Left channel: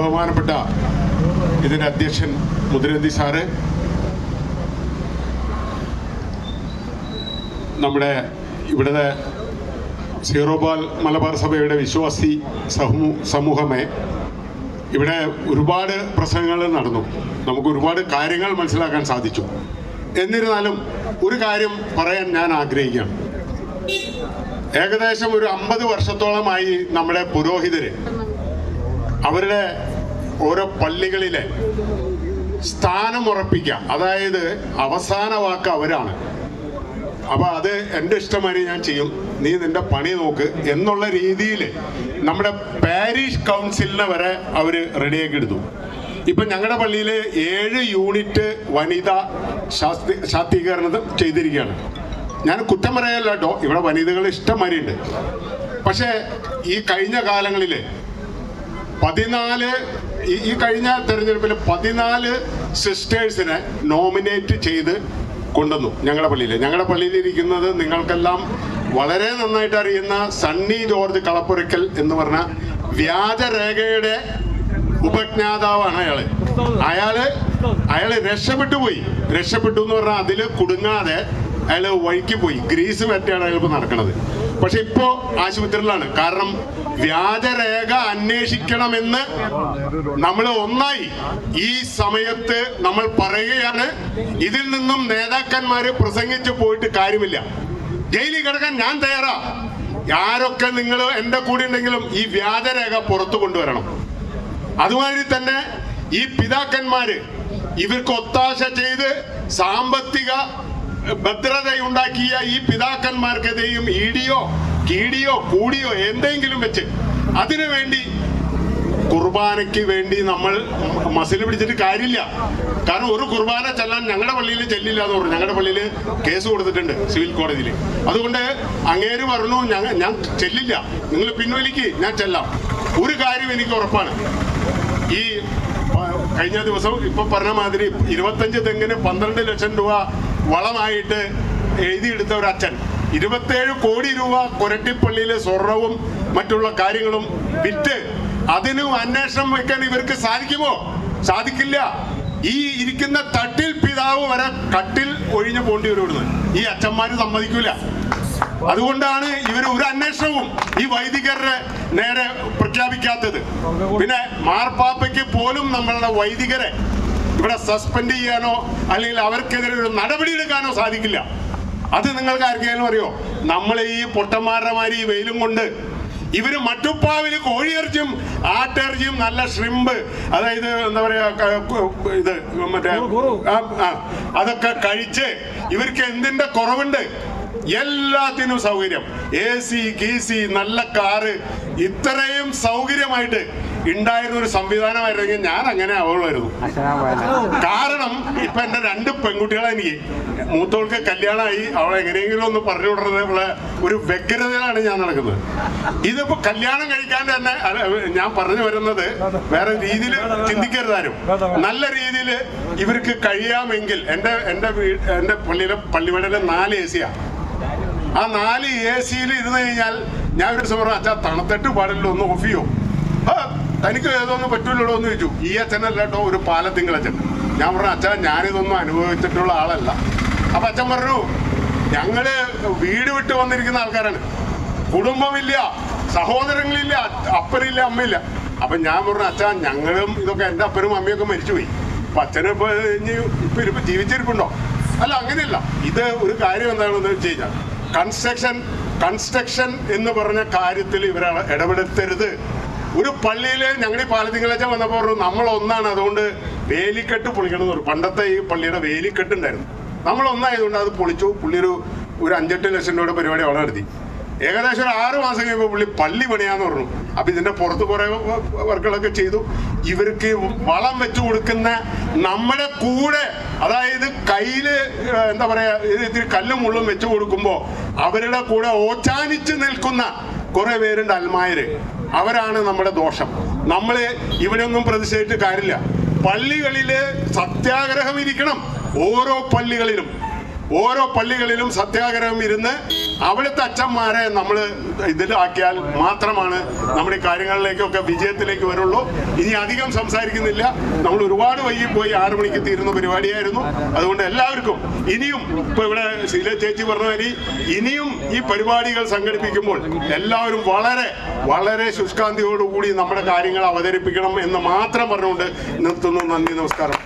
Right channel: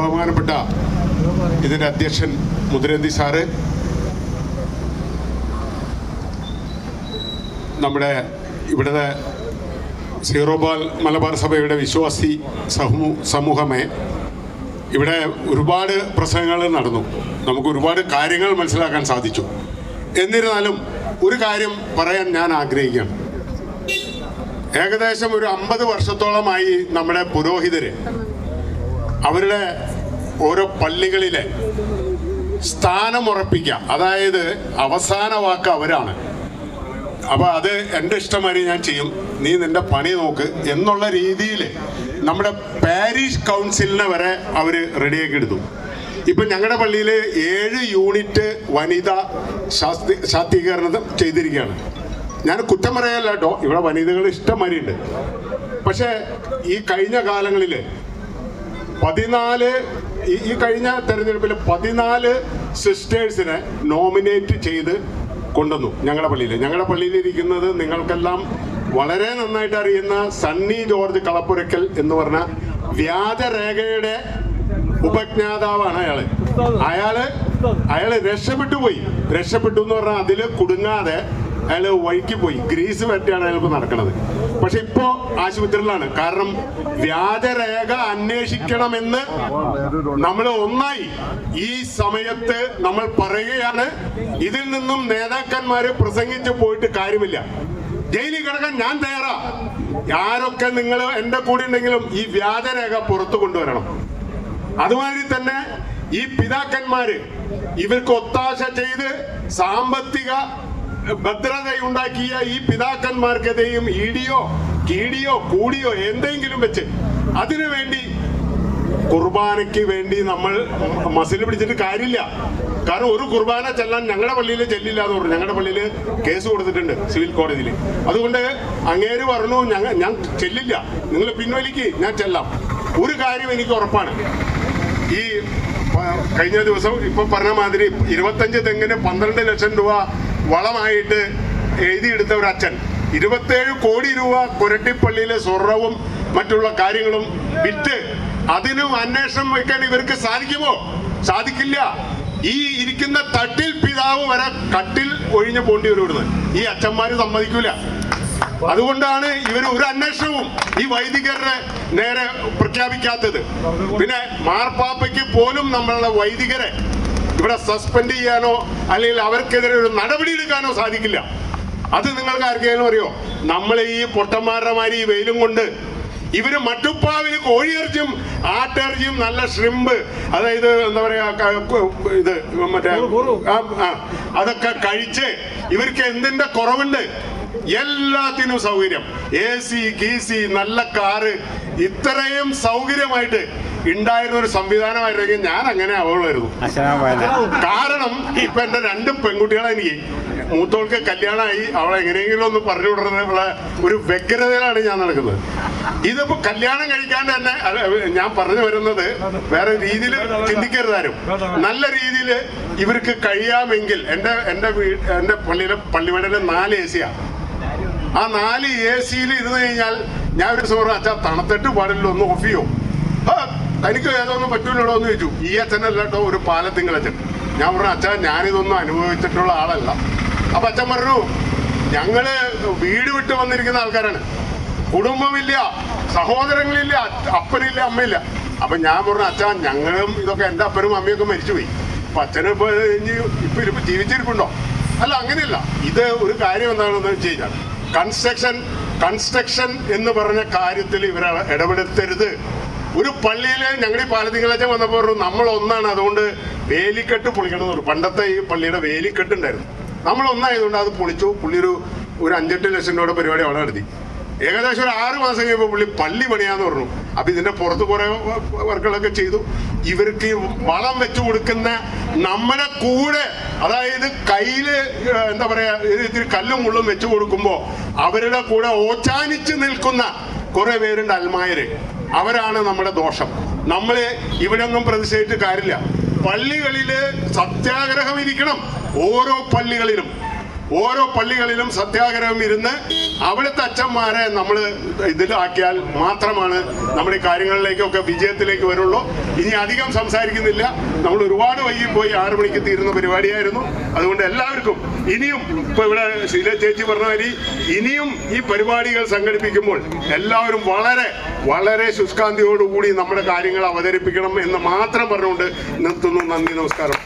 ബഹുമാനപ്പെട്ട ഇതിൻ്റെ അധ്യക്ഷൻ മുദ്രന്തി സാറ്, നമ്മുടെ ഇവിടുത്തെ സീറോ മലബാർ സഭയുടെ വിശ്വാസി സമൂഹമേ, ഇവിടെ ഒരുപാട് പ്രസംഗങ്ങൾ നടന്നു, നമുക്ക് ഒരുപാട് കാര്യങ്ങൾ മനസ്സിലാക്കാൻ സാധിച്ചു. എന്നിരുന്നാലും ഒരു കാര്യം പറയാൻ ഞാൻ ആഗ്രഹിക്കുകയാണ്. ഏകദേശം ഒരു 50 വർഷത്തോളമായി നമ്മുടെ പുരോഹിതര് അവരുടെ ഓരോ പള്ളികളിലെ സ്ഥാനമുറപ്പിക്കുക, അതായത് അവസാന വാക്ക് അവരാണ്. അപ്പോൾ അത് എൻ്റെ ഇഷ്ടമാതിരി ഞാൻ ചെയ്യും, നീ നിൻ്റെ പണി നോക്ക് എന്നുള്ള രീതിയിൽ നമ്മുടെ പാരിഷ് കൗൺസിലിനെ വരെ അവർ റെഡിയാക്കി എടുത്തു. ഇപ്പം ഞങ്ങളുടെ പള്ളിയിൽ 7 യൂണിറ്റ് വനിതാ ശാക്തീകരണം ചെയ്തിരിക്കുകയാണ്. ഞാൻ കുറ്റം പറയാനല്ല കേട്ടോ, ഇവിടെ വനിതകൾ ഇഷ്ടംമാതിരി ഉണ്ട്. പക്ഷേ ഈ കഴിഞ്ഞ കാലങ്ങളിൽ 14 ഈ കഴിഞ്ഞ തെരഞ്ഞെടുപ്പിൽ 14 സിസ്റ്റേഴ്സിനെ നോമിനേറ്റ് ചെയ്ത് കൊണ്ടുവന്നു ഞങ്ങളുടെ പള്ളിയിൽ ഇരിക്കുന്നത് നിങ്ങൾക്കെല്ലാം വളരെ നന്നായിട്ട് അറിയുന്ന സണ്ണി ജോർജ് കളപ്പുരയ്ക്കൽ എന്ന് പറഞ്ഞ വ്യാജരേഖയുടെ ഉപജ്ഞാതാവാണ് അയാള് രക്ഷപ്പെട്ടു എന്ന് പറഞ്ഞാൽ അതിൽ കുടുങ്ങാതെ അയാൾ വഴിക്ക് പോയി, ഗ്രീസ് പറ്റിയാണ് അയാൾക്ക് നടക്കുന്നത്. പക്ഷെ ഇപ്പോ ആശുപത്രിയിലാണ്. കാരണം വ്യാജരേഖ അന്വേഷിക്കണമെന്ന് നമ്മൾ ഒന്നായി ഈ സമയത്ത് നമ്മൾ പറയുകയാണ്. ഇതിൽ നിന്നും നേതാക്കന്മാര് പ്രസംഗിച്ച് പോയിട്ട് കാര്യമില്ല. ജയിലിൽ കിടക്കാൻ ഞാൻ തയ്യാറാ. ആരൊക്കെ നിങ്ങൾ എന്റെ കൂടെ ഉണ്ടെങ്കിലും ഈ വ്യാജരേഖ പുറത്തു കൊണ്ടുവരണം. അതുമാതിരി തന്നെ ഈ പിതാക്കന്മാര് ഇവർക്ക് ഒത്താശ ചെയ്ത് സാമ്പത്തിക ഭദ്രതയുണ്ടാക്കിയ ഈ പിതാക്കന്മാർക്കെതിരെയും ഇടിയോ കീടിയോ കൂടിയോ എന്തെങ്കിലും വെച്ച് അതിനു വേണ്ടി കുർബാനയ്ക്ക് വേണ്ടി നമ്മൾ മസിൽ പിടിച്ചിട്ട് കാര്യമില്ല. കാരണം ഒരു കുർബാന ചെല്ലാൻ ഞങ്ങളുടെ പള്ളിയിൽ ചെല്ലില്ല എന്ന് പറഞ്ഞു. ഞങ്ങളുടെ പള്ളിയിൽ കേസ് കൊടുത്തിട്ടുണ്ട് സിവിൽ കോടതിയിൽ. അതുകൊണ്ട് അങ്ങേര് പറഞ്ഞു ഞാൻ ചെല്ലില്ല, നിങ്ങൾ പിൻവലിക്ക്, ഞാൻ ചെല്ലാം. ഒരു കാര്യം എനിക്ക് ഉറപ്പാണ്, ഈ കഴിഞ്ഞ ദിവസം ഇപ്പൊ പറഞ്ഞ മാതിരി 25 തെങ്ങിന് 12 ലക്ഷം രൂപ വളമായിട്ട് എഴുതിയെടുത്ത ഒരു അച്ഛൻ 27 കോടി രൂപ കൊരട്ടിപ്പള്ളിയിലെ സ്വർണവും മറ്റുള്ള കാര്യങ്ങളും വിറ്റ് അതിനും അന്വേഷണം വെക്കാൻ ഇവർക്ക് സാധിക്കുമോ? സാധിക്കില്ല. ഈ ഇരിക്കുന്ന തട്ടിൽ പിതാവ് വരെ കട്ടിൽ ഒഴിഞ്ഞു പോണ്ടി വരുന്നത് ഈ അച്ഛന്മാര് സമ്മതിക്കൂല. അതുകൊണ്ടാണ് ഇവർ ഒരു അന്വേഷണവും ഈ വൈദികരുടെ നേരെ പ്രഖ്യാപിക്കാത്തത്. പിന്നെ മാർപ്പാപ്പയ്ക്ക് പോലും നമ്മളുടെ വൈദികരെ ഇവിടെ സസ്പെൻഡ് ചെയ്യാനോ അല്ലെങ്കിൽ അവർക്കെതിരെ ഒരു നടപടി എടുക്കാനോ സാധിക്കില്ല. അത് നിങ്ങൾക്ക് ആർക്കെങ്കിലും അറിയോ? നമ്മൾ ഈ പൊട്ടന്മാരുടെ മാതിരി ഈ വെയിലും കൊണ്ട് ഇവര് മട്ടുപ്പാവില് കോഴിയിറച്ചിയും ആട്ടിറച്ചിയും നല്ല ഷ്രിമ്പ്, അതായത് എന്താ പറയാ, ഇത് മറ്റേ അതൊക്കെ കഴിച്ച് ഇവർക്ക് എന്തിന്റെ കുറവുണ്ട്? എല്ലാത്തിനും സൗകര്യം, AC ഗീസി നല്ല കാറ്, ഇത്രയും സൗകര്യമായിട്ട് ഉണ്ടായിരുന്ന ഒരു സംവിധാനമായിരുന്നെങ്കിൽ ഞാൻ അങ്ങനെ അവളായിരുന്നു. കാരണം ഇപ്പൊ എന്റെ 2 പെൺകുട്ടികളെ എനിക്ക് മൂത്തോൾക്ക് കല്യാണമായി, അവളെ എങ്ങനെയെങ്കിലും ഒന്ന് പറഞ്ഞു വിടുന്നതിനുള്ള ഒരു വ്യഗ്രതയിലാണ് ഞാൻ നടക്കുന്നത്. ഇതിപ്പോ കല്യാണം കഴിക്കാണ്ട് തന്നെ ഞാൻ പറഞ്ഞു വരുന്നത് വേറെ രീതിയിൽ ചിന്തിക്കരുതാരും. നല്ല രീതിയിൽ ഇവർക്ക് കഴിയാമെങ്കിൽ എന്റെ പള്ളിവടയിലെ 4 AC ആ 4 AC ഇരുന്ന് കഴിഞ്ഞാൽ ഞാൻ ഒരു സമയം അച്ഛാ തണുത്തിട്ട് പാടില്ല, ഒന്ന് ഓഫ് ചെയ്യോ? തനിക്ക് ഏതൊന്നും പറ്റൂലോ എന്ന് ചോദിച്ചു. ഈ അച്ഛനല്ല കേട്ടോ, ഒരു പാലത്തിങ്കളച്ഛൻ. ഞാൻ പറഞ്ഞു അച്ഛാ ഞാനിതൊന്നും അനുഭവിച്ചിട്ടുള്ള ആളല്ല. അപ്പൊ അച്ഛൻ പറഞ്ഞു ഞങ്ങള് വീട് വിട്ട് വന്നിരിക്കുന്ന ആൾക്കാരാണ്, കുടുംബമില്ല, സഹോദരങ്ങളില്ല, അപ്പനില്ല, അമ്മയില്ല. അപ്പൊ ഞാൻ പറഞ്ഞു അച്ഛാ ഞങ്ങളും ഇതൊക്കെ എന്റെ അപ്പനും അമ്മയൊക്കെ മരിച്ചുപോയി, അപ്പൊ അച്ഛനും ഇപ്പൊ ജീവിച്ചിരിപ്പുണ്ടോ? അല്ല, അങ്ങനെയല്ല. ഇത് ഒരു കാര്യം എന്താണെന്ന് വെച്ച് കഴിഞ്ഞാൽ കൺസ്ട്രക്ഷൻ എന്ന് പറഞ്ഞ കാര്യത്തിൽ ഇവരെ ഇടപെടുത്തരുത്. ഒരു പള്ളിയിൽ ഞങ്ങൾ ഈ പാലത്തിങ്കളച്ച വന്നപ്പോൾ പറഞ്ഞു നമ്മൾ ഒന്നാണ്, അതുകൊണ്ട് വേലിക്കെട്ട് പൊളിക്കണം എന്ന് പറഞ്ഞു. പണ്ടത്തെ ഈ പള്ളിയുടെ വേലിക്കെട്ട് ഉണ്ടായിരുന്നു, നമ്മൾ ഒന്നായതുകൊണ്ട് അത് പൊളിച്ചു. പുള്ളി ഒരു 5-8 ലക്ഷം രൂപയുടെ പരിപാടി അവിടെ നടത്തി. ഏകദേശം ഒരു 6 മാസം കഴിയുമ്പോൾ പുള്ളി പള്ളി പണിയാന്ന് പറഞ്ഞു. അപ്പൊ ഇതിന്റെ പുറത്ത് കുറെ വർക്കുകളൊക്കെ ചെയ്തു. ഇവർക്ക് വളം വെച്ചു കൊടുക്കുന്ന നമ്മുടെ കൂടെ, അതായത് കയ്യില് എന്താ പറയാ, ഇത്തിരി കല്ലും മുള്ളും വെച്ചു കൊടുക്കുമ്പോ അവരുടെ കൂടെ ഓച്ചാനിച്ച് നിൽക്കുന്ന കുറെ പേരുണ്ട് അൽമായര്. അവരാണ് നമ്മുടെ ദോഷം. നമ്മള് ഇവരൊന്നും പ്രതിഷേധിച്ചിട്ട് കാര്യമില്ല. പള്ളികളില് സത്യാഗ്രഹം ഇരിക്കണം. ഓരോ പള്ളികളിലും സത്യാഗ്രഹം ഇരുന്ന് അവിടുത്തെ അച്ഛന്മാരെ നമ്മൾ ഇതിലാക്കിയാൽ മാത്രമാണ് നമ്മുടെ ഈ കാര്യങ്ങളിലേക്കൊക്കെ വിജയത്തിലേക്ക് വരുള്ളൂ. ഇനി അധികം സംസാരിക്കുന്നില്ല, നമ്മൾ ഒരുപാട് വൈകിപ്പോയി, 6 മണിക്ക് തീരുന്ന പരിപാടിയായിരുന്നു. അതുകൊണ്ട് എല്ലാവർക്കും ഇനിയും ഇപ്പൊ ഇവിടെ ശീല ചേച്ചി പറഞ്ഞ മാതിരി ഇനിയും ഈ പരിപാടികൾ സംഘടിപ്പിക്കുമ്പോൾ എല്ലാവരും വളരെ വളരെ ശുഷ്കാന്തിയോടുകൂടി നമ്മുടെ കാര്യങ്ങൾ അവതരിപ്പിക്കണം എന്ന് മാത്രം പറഞ്ഞുകൊണ്ട് നിർത്തുന്നു. നന്ദി, നമസ്കാരം.